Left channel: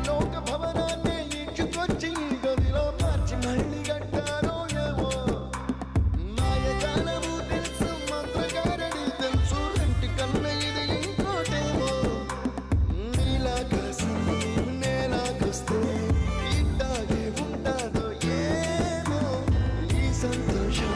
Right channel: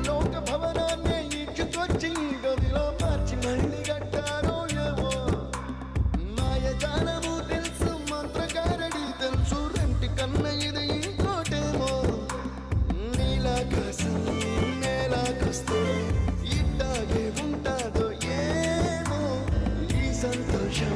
పరలోక భవనాన్ని ఈడ్చుకొచ్చి గదిలో మార్చి మళ్ళీ కట్టారో ఏమో మాయజాలము తెలుసు మంత్రకారడి తెలుసు రెంటి కన్న ఇది ఇంకోటేమో నీలాకాశం నేలాకొస్తే ఇట్టాగే ఉంటాదో ఏమో ఈ సంతోషం